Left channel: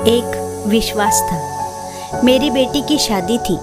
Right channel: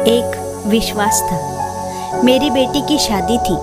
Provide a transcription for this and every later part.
एक विश्वास था। मेरी बेटी की शादी थी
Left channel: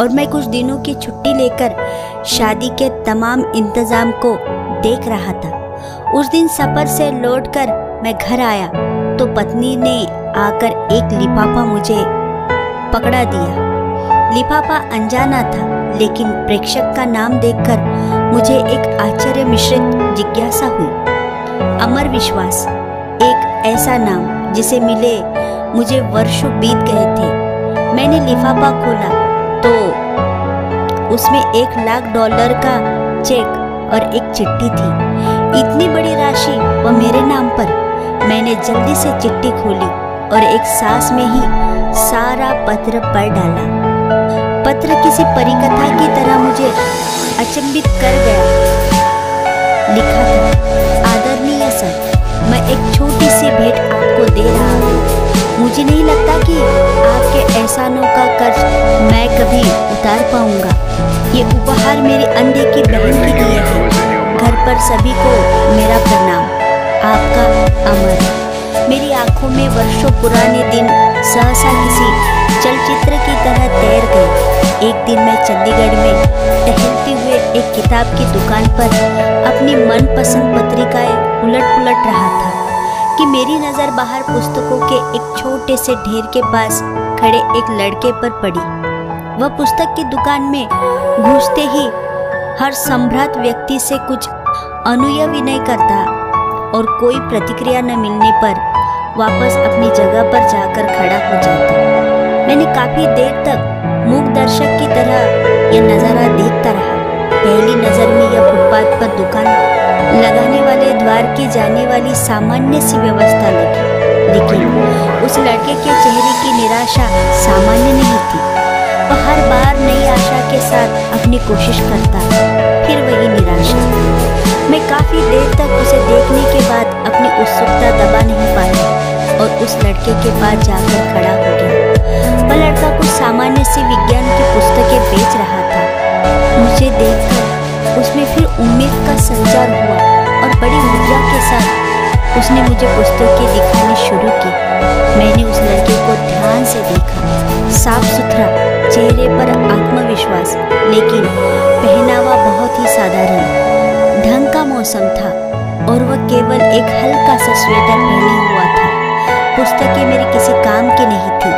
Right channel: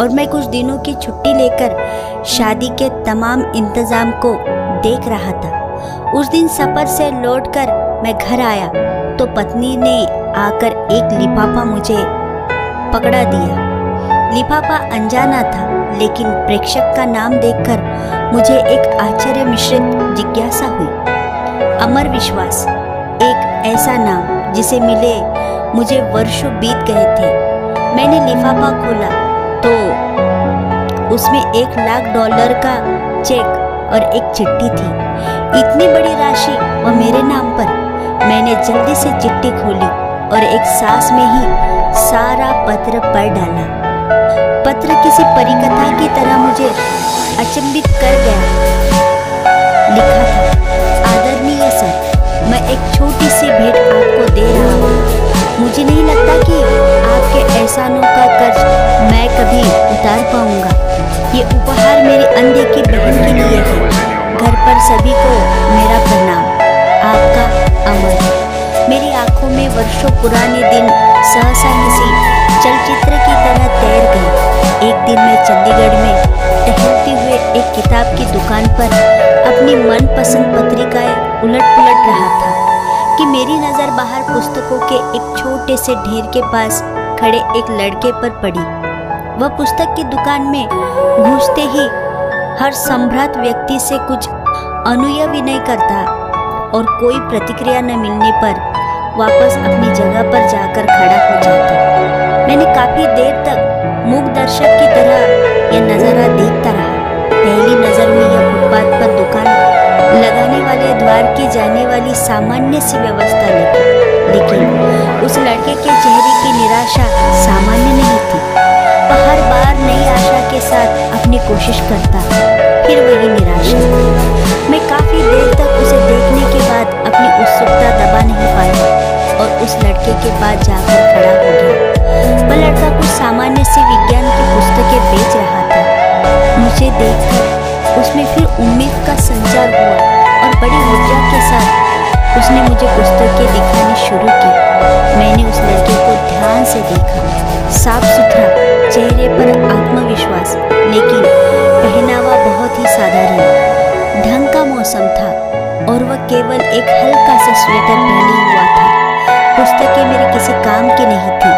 और मैं कुछ दिनों की छुट्टी लेकर शादी के तमाम इंतजाम को देख रहा था। उस दिन सफर से लौटकर मैं घर आया तो पत्नी ने आकर एक लिफाफा मुझे पकड़ा दिया। लिफाफा अनजाना था, लेकिन प्रेषक का नाम देखकर मुझे एक आश्चर्य मिश्रित जिज्ञासा हुई। अमर विश्वास, एक ऐसा नाम जिसे मिले मुझे वर्षों बीत गए थे। मैंने लिफाफा खोला तो उसमें $1,00,000 का चेक और एक चिट्ठी थी। इतनी बड़ी राशि वह मेरे नाम पर। मैंने जल्दी से चिट्ठी खोली और एक सांस में ही सारा पत्र पढ़ डाला। पत्र किसी परिकथा की तरह मुझे अचंभित कर गया। लिखा था, आदरणीय सर, मैं एक छोटी सी भेंट आपको दे रहा हूँ। मुझे नहीं लगता कि आपके एहसानों का कर्ज मैं कभी उतार पाऊंगा। ये उपहार मेरी अनदेखी बहन के लिए है। घर पर सभी को मेरा प्रणाम। आपका अमर। मेरी आंखों में वर्षों पुराने दिन सहसा किसी चलचित्र की तरह तैर गए। एक दिन मैं चंडीगढ़ में टहलते हुए एक किताब की दुकान पर अपनी मनपसंद पत्रिकाएं उलट पुलट रहा था कि मेरी नज़र बाहर पुस्तकों के एक छोटे से ढेर के पास खड़े एक लड़के पर पड़ी। वह पुस्तक की दुकान में घुसते ही हर संभ्रांत व्यक्ति से कुछ अनुनय विनय करता और कोई प्रतिक्रिया न मिलने पर वापस अपनी जगह पर जाकर खड़ा हो जाता। मैंने काफी देर तक मूक दर्शक की तरह यह नज़ारा देखता रहा। पहली नज़र में यह फुटपाथ पर दुकान लगाने वाले द्वार की जाने वाली सामान्य सी व्यवस्था लगी, लेकिन उस लड़के के चेहरे की निराशा सामान्य नहीं थी। वह हर बार नई आशा के साथ अपनी कोशिश करता, फिर वही निराशा। मैं काफी देर तक उसे देखने के बाद अपनी उत्सुकता दबा नहीं पाया और उस लड़के के पास जाकर खड़ा हो गया। वह लड़का कुछ सामान्य सी विज्ञान की पुस्तकें बेच रहा था। मुझे देखकर उसमें फिर उम्मीद का संचार हुआ और बड़ी ऊर्जा के साथ उसने मुझे पुस्तकें दिखानी शुरू की। मैंने उस लड़के को ध्यान से देखा। साफ सुथरा, चेहरे पर आत्मविश्वास, लेकिन पहनावा बहुत ही साधारण। ढंग का मौसम था और वह केवल एक हल्का सा स्वेटर पहने हुआ था। पुस्तकें मेरे किसी काम की नहीं थी।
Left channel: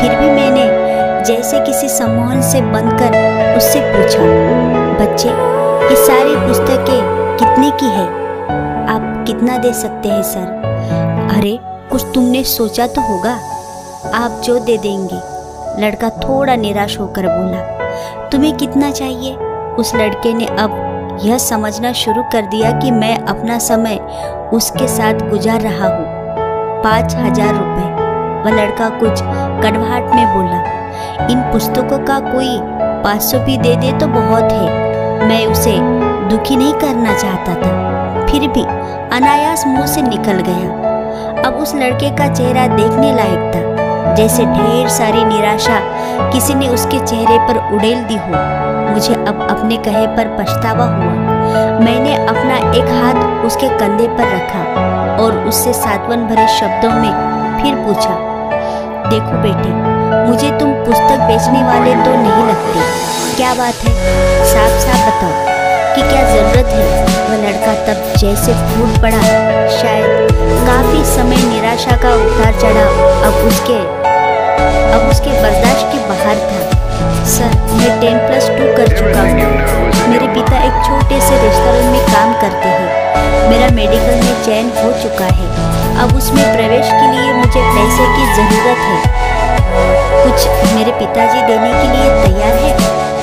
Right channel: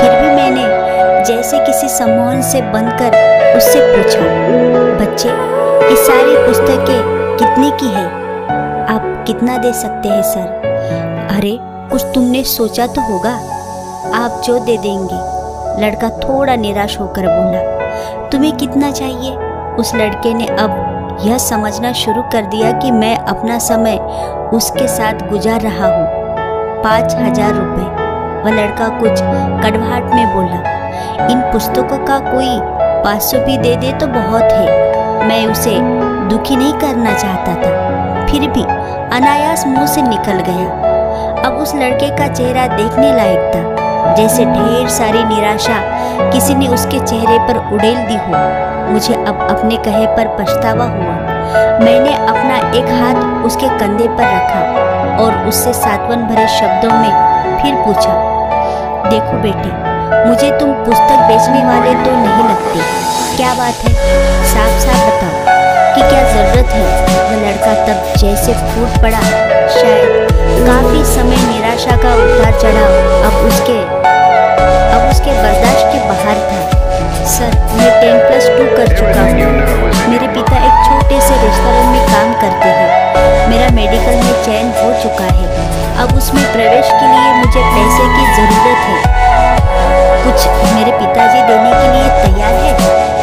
फिर भी मैंने जैसे किसी सम्मोहन से बंधकर उससे पूछा, बच्चे, ये सारी पुस्तकें कितने की है? आप कितना दे सकते हैं सर? अरे, कुछ तुमने सोचा तो होगा। आप जो दे देंगे। लड़का थोड़ा निराश होकर बोला। तुम्हें कितना चाहिए? उस लड़के ने अब यह समझना शुरू कर दिया कि मैं अपना समय उसके साथ गुजार रहा हूँ। 5,000 रुपये। वह लड़का कुछ कड़वाहट में बोला। इन पुस्तकों का कोई 500 भी दे दे तो बहुत है। मैं उसे दुखी नहीं करना चाहता था, फिर भी अनायास मुंह से निकल गया। अब उस लड़के का चेहरा देखने लायक था, जैसे ढेर सारी निराशा किसी ने उसके चेहरे पर उड़ेल दी हो। मुझे अब अपने कहे पर पछतावा हुआ। मैंने अपना एक हाथ उसके कंधे पर रखा और उससे सांत्वन भरे शब्दों में फिर पूछा, देखो बेटे, मुझे तुम पुस्तक बेचने वाले तो नहीं लगते। क्या बात है? साफ साफ बताओ कि क्या जरूरत है? वह लड़का तब जैसे फूट पड़ा। शायद काफी समय निराशा का उतार चढ़ाव अब उसके बर्दाश्त के बाहर था। सर, मैं 10+2 कर चुका हूँ। मेरे पिता एक छोटे से रेस्टोरेंट में काम करते हैं। मेरा मेडिकल में चयन हो चुका है। अब उसमें प्रवेश के लिए मुझे पैसे की ज़रूरत है। कुछ मेरे पिताजी देने के लिए तैयार है,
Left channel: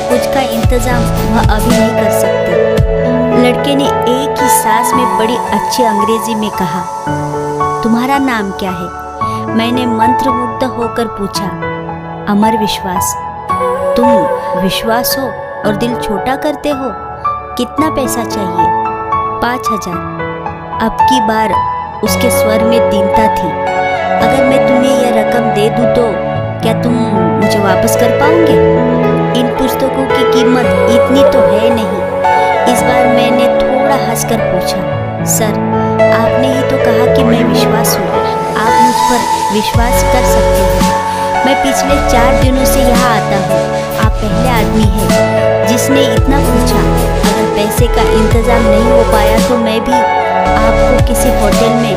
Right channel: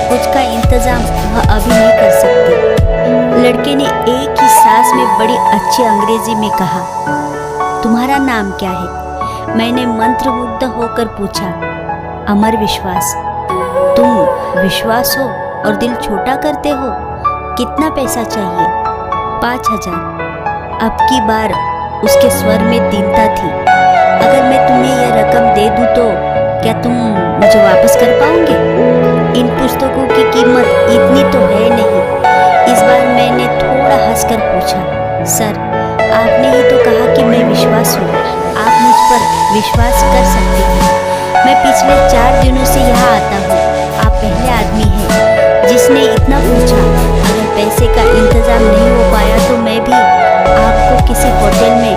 कुछ का इंतज़ाम वह अभी नहीं कर सकते। लड़के ने एक ही सांस में बड़ी अच्छी अंग्रेजी में कहा, तुम्हारा नाम क्या है? मैंने मंत्रमुग्ध होकर पूछा। अमर विश्वास। तुम विश्वास हो और दिल छोटा करते हो। कितना पैसा चाहिए? 5,000। अब की बार उसके स्वर में दीनता थी। अगर मैं तुम्हें यह रकम दे दूं तो क्या तुम मुझे वापस कर पाओगे? इन पुस्तकों की कीमत इतनी तो है नहीं। इस बार मैंने थोड़ा हंसकर पूछा। सर, आपने ही तो कहा कि मैं विश्वास हूँ, आप मुझ पर विश्वास कर सकते हैं। मैं पिछले 4 दिनों से यहाँ आता हूँ। आप पहले आदमी हैं जिसने इतना पूछा। अगर पैसे का इंतज़ाम नहीं हो पाया तो मैं भी आपको किसी होटल में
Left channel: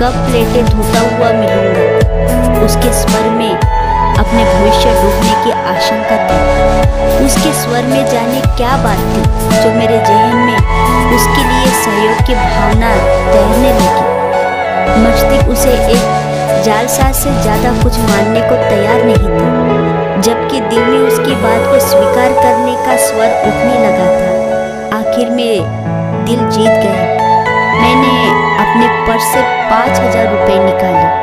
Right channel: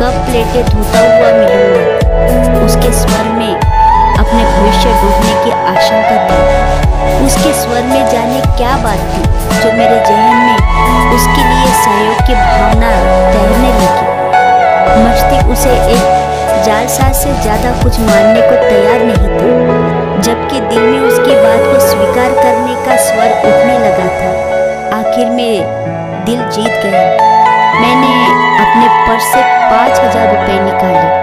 कप प्लेटें धोता हुआ मिलूँगा। उसके स्वर में अपने भविष्य डूबने की आशंका थी। उसके स्वर में जाने क्या बात थी जो मेरे जहन में उसके लिए सहयोग की भावना तैरने लगी। मस्तिष्क उसे एक जालसाज से ज़्यादा कुछ मानने को तैयार नहीं था, जबकि दिल में उसकी बात को स्वीकार करने का स्वर उठने लगा था। आखिर में दिल जीत गया। मैंने अपने पर्स से 5,000 रुपये निकाले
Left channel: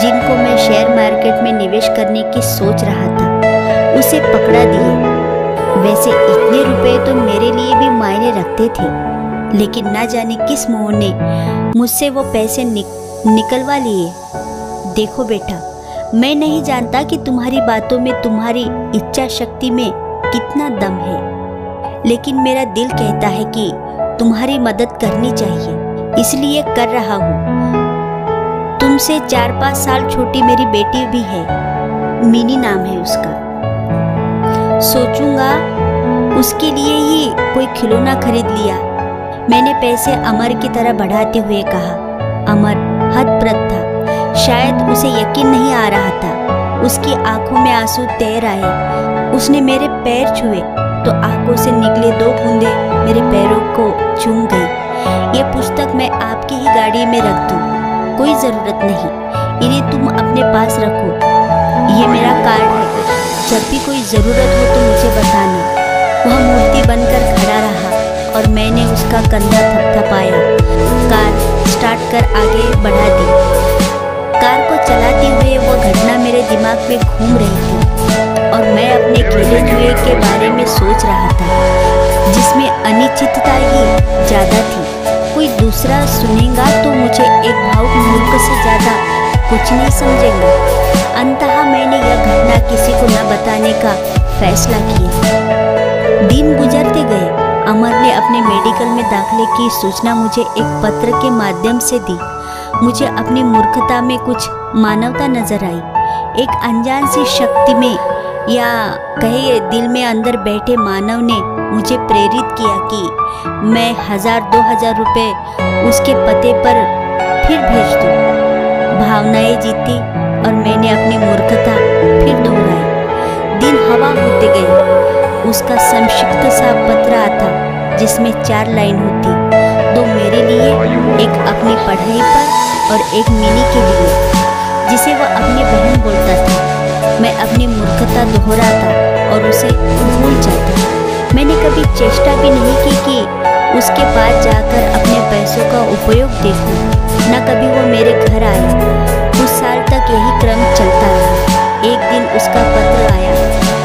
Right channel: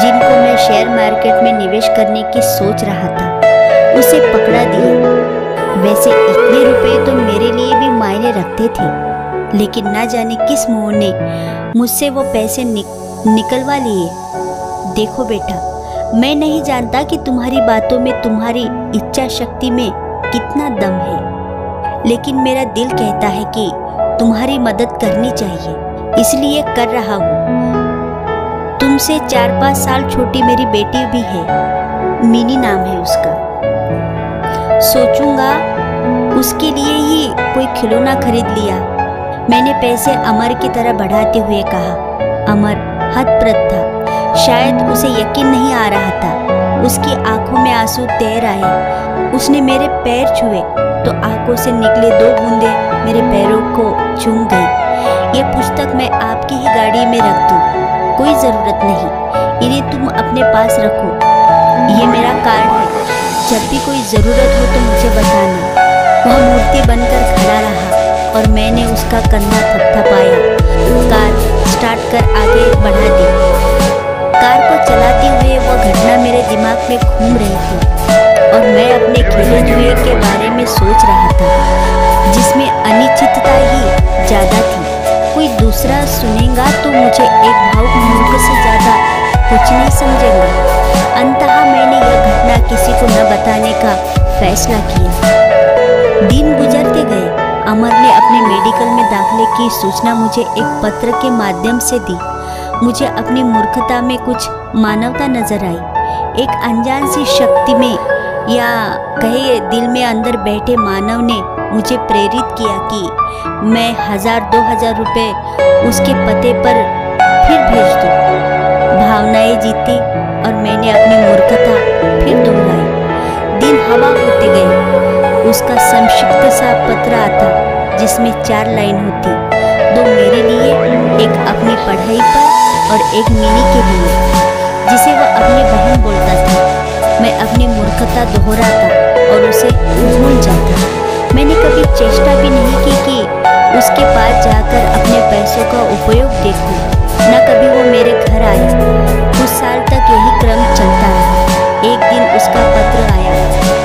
जिनको मैं शेयर मार्केट में निवेश करने की सोच रहा था। उसे पकड़ा दिए। वैसे इतने रुपए तो मेरे लिए भी मायने रखते थे, लेकिन ना जाने किस मोह ने मुझसे वो पैसे निकलवा लिए। देखो बेटा, मैं नहीं जानता कि तुम्हारी बातों में, तुम्हारी इच्छा शक्ति में कितना दम है, लेकिन मेरा दिल कहता है कि तुम्हारी मदद करनी चाहिए, इसलिए कर रहा हूँ। तुमसे 4-5 साल छोटी मेरी बेटी भी है, मिनी नाम है उसका। सोचूंगा उसके लिए ही कोई खिलौना खरीद लिया। मैंने पैसे अमर की तरह बढ़ाते हुए कहा। अमर हतप्रभ था। शायद उसे यकीन नहीं आ रहा था। उसकी आंखों में आंसू तैर आए। उसने मेरे पैर छुए तो आंखों से निकले 2 बूंदें मेरे पैरों को चूम गई। ये पुस्तक मैं आपकी ही गाड़ी में रख दूं, कोई ज़रूरत नहीं। इन्हें तुम अपने पास रखो। ये मेरा कार्ड है, जब भी कोई ज़रूरत हो तो मुझे बताना। वह मूर्ति बनकर खड़ा रहा और मैंने उसका कंधा थपथपाया। कार स्टार्ट कर आगे बढ़ा दी। कार को चलाते हुए वह घटना मेरे दिमाग में घूम रही थी और मैं अपने खेले जुए के बारे में सोच रहा था, जिसमें अनिश्चितता ही ज़्यादा थी। कोई दूसरा सुनेगा तो मुझे एक भावुक मूर्ख से ज़्यादा कुछ नहीं समझेगा। अंततः मैंने यह घटना किसी को न बताने का फैसला किया। दिन गुजरते गए। अमर ने अपने मेडिकल में दाखिले की सूचना मुझे एक पत्र के माध्यम से दी। मुझे अपनी मूर्खता में कुछ मानवता नजर आई। एक अनजान सी शक्ति में, या कहे दिल में अंदर बैठे मानव ने मुझे प्रेरित किया कि मैं 1,000-2,000 रुपये उसके पते पर फिर भेज दूँ। भावनाएं जीती और मैंने अपनी मूर्खता फिर दोहराई। दिन हवा होते गए। उसका संक्षिप्त सा पत्र आता जिसमें 4 लाइन होती, 2 मेरे लिए, एक अपनी पढ़ाई पर और एक मिनी के लिए, जिसे वह अपनी बहन बोलता था। मैं अपनी मूर्खता दोहराता और उसे भूल जाता। मैंने कभी चेष्टा भी नहीं की कि उसके पास जाकर अपने पैसों का उपयोग देखूं। न कभी वो मेरे घर आया। कुछ साल तक यही क्रम चलता रहा। एक दिन उसका पत्र आया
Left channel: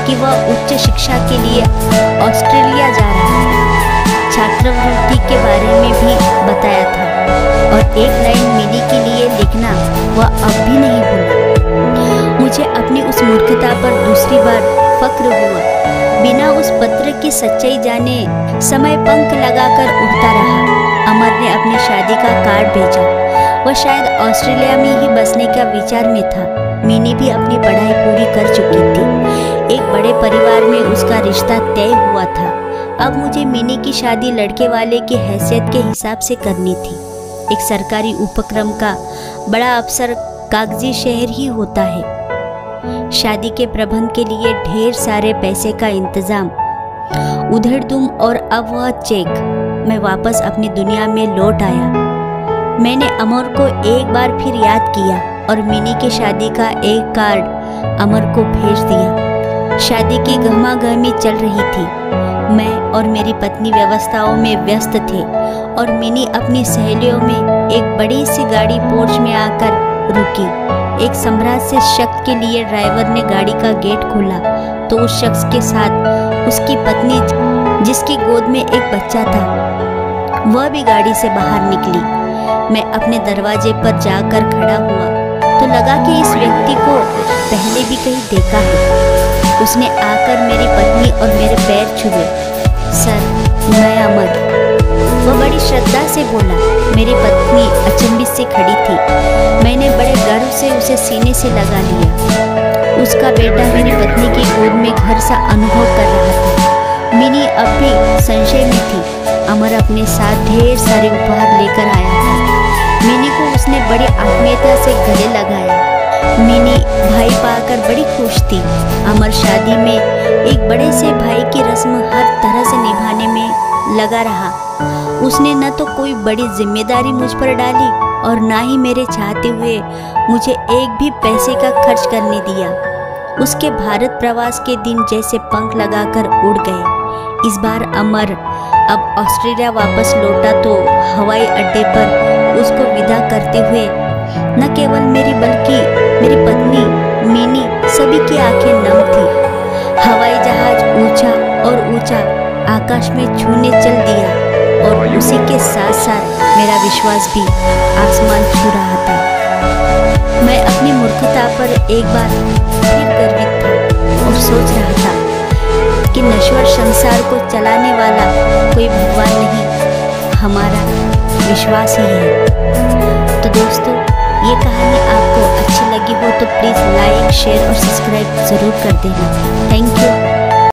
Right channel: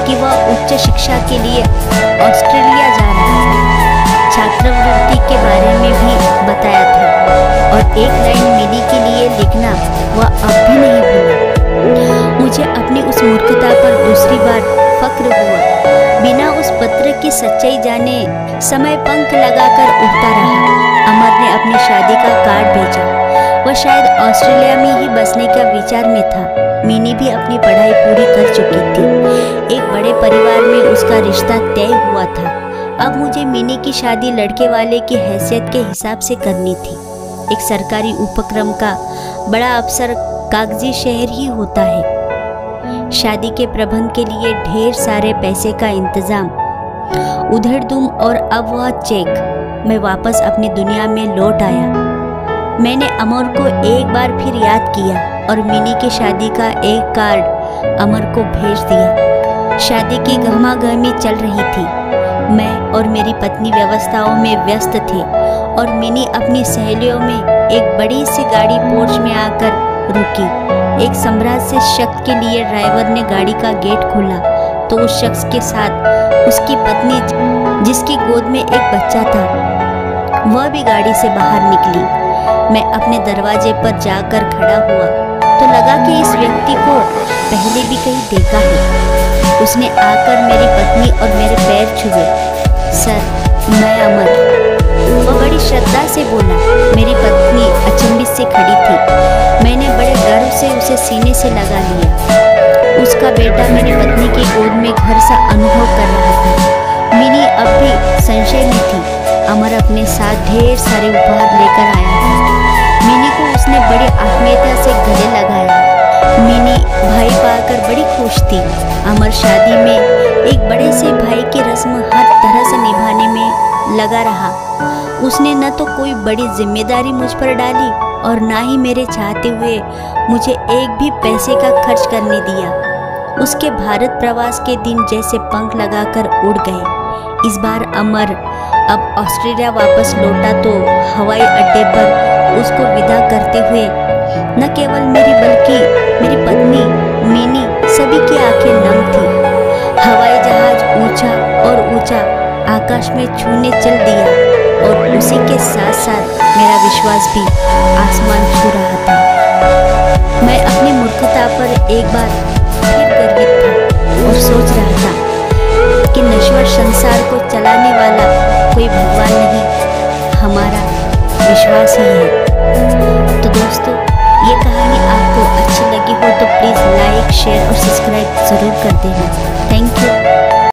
कि वह उच्च शिक्षा के लिए ऑस्ट्रेलिया जा रहा है। छात्रवृत्ति के बारे में भी बताया था और एक लाइन मिनी के लिए लिखना वह अब भी नहीं भूला। मुझे अपनी उस मूर्खता पर दूसरी बार फक्र हुआ। बिना उस पत्र की सच्चाई जाने समय पंख लगाकर उड़ता रहा। अमर ने अपनी शादी का कार्ड भेजा। वह शायद ऑस्ट्रेलिया में ही बसने का विचार में था। मिनी भी अपनी पढ़ाई पूरी कर चुकी थी। एक बड़े परिवार में उसका रिश्ता तय हुआ था। अब मुझे मिनी की शादी लड़के वाले की हैसियत के हिसाब से करनी थी। एक सरकारी उपक्रम का बड़ा अफसर कागजी शहर ही होता है। शादी के प्रबंध के लिए ढेर सारे पैसे का इंतजाम, उधेड़-दुम, और अब वह चेक। मैं वापस अपनी दुनिया में लौट आया। मैंने अमर को एक बार फिर याद किया और मिनी की शादी का एक कार्ड अमर को भेज दिया। शादी की गहमागहमी चल रही थी। मैं और मेरी पत्नी व्यवस्थाओं में व्यस्त थे और मिनी अपनी सहेलियों में एक बड़ी सी गाड़ी पोर्च में आकर रुकी। एक सम्राट से शख्स के लिए ड्राइवर ने गाड़ी का गेट खोला तो उस शख्स के साथ उसकी पत्नी, जिसकी गोद में एक बच्चा था, वह भी गाड़ी से बाहर निकली। मैं अपने दरवाजे पर जाकर खड़ा हुआ तो लगा कि इस व्यक्ति को पहले भी कहीं देखा है। उसने आकर मेरी पत्नी और मेरे पैर छुए। सर, मैं अमर। वह बड़ी श्रद्धा से बोला। मेरी पत्नी अचंभित से खड़ी थी। मैंने बड़े गर्व से उसे सीने से लगा लिया। उसका बेटा मेरी पत्नी की गोद में घर सा अनुभव कर रहा था। मिनी अब भी संशय में थी। अमर अपने साथ ढेर सारे उपहार लेकर आया था। मिनी को उसने बड़ी आत्मीयता से गले लगाया। मिनी भाई पाकर बड़ी खुश थी। अमर शादी में एक बड़े से भाई की रस्म हर तरह से निभाने में लगा रहा। उसने न तो कोई बड़ी जिम्मेदारी मुझ पर डाली और ना ही मेरे चाहते हुए मुझे एक भी पैसे का खर्च करने दिया। उसके भारत प्रवास के दिन जैसे पंख लगाकर उड़ गए। इस बार अमर अब ऑस्ट्रेलिया वापस लौटा तो हवाई अड्डे पर उसको विदा करते हुए न केवल मेरी बल्कि मेरी पत्नी मिनी सभी की आंखें नम थी। हवाई जहाज ऊंचा और ऊंचा आकाश में छूने चल दिया और उसी के साथ साथ मेरा विश्वास भी आसमान छू रहा था। मैं अपनी मूर्खता पर एक बार फिर गर्वित था और सोच रहा था कि नश्वर संसार को चलाने वाला कोई भगवान नहीं, हमारा विश्वास ही है। तो दोस्तों, ये कहानी आपको अच्छी लगी हो तो प्लीज़ लाइक, शेयर और सब्सक्राइब ज़रूर कर देना। Thank you.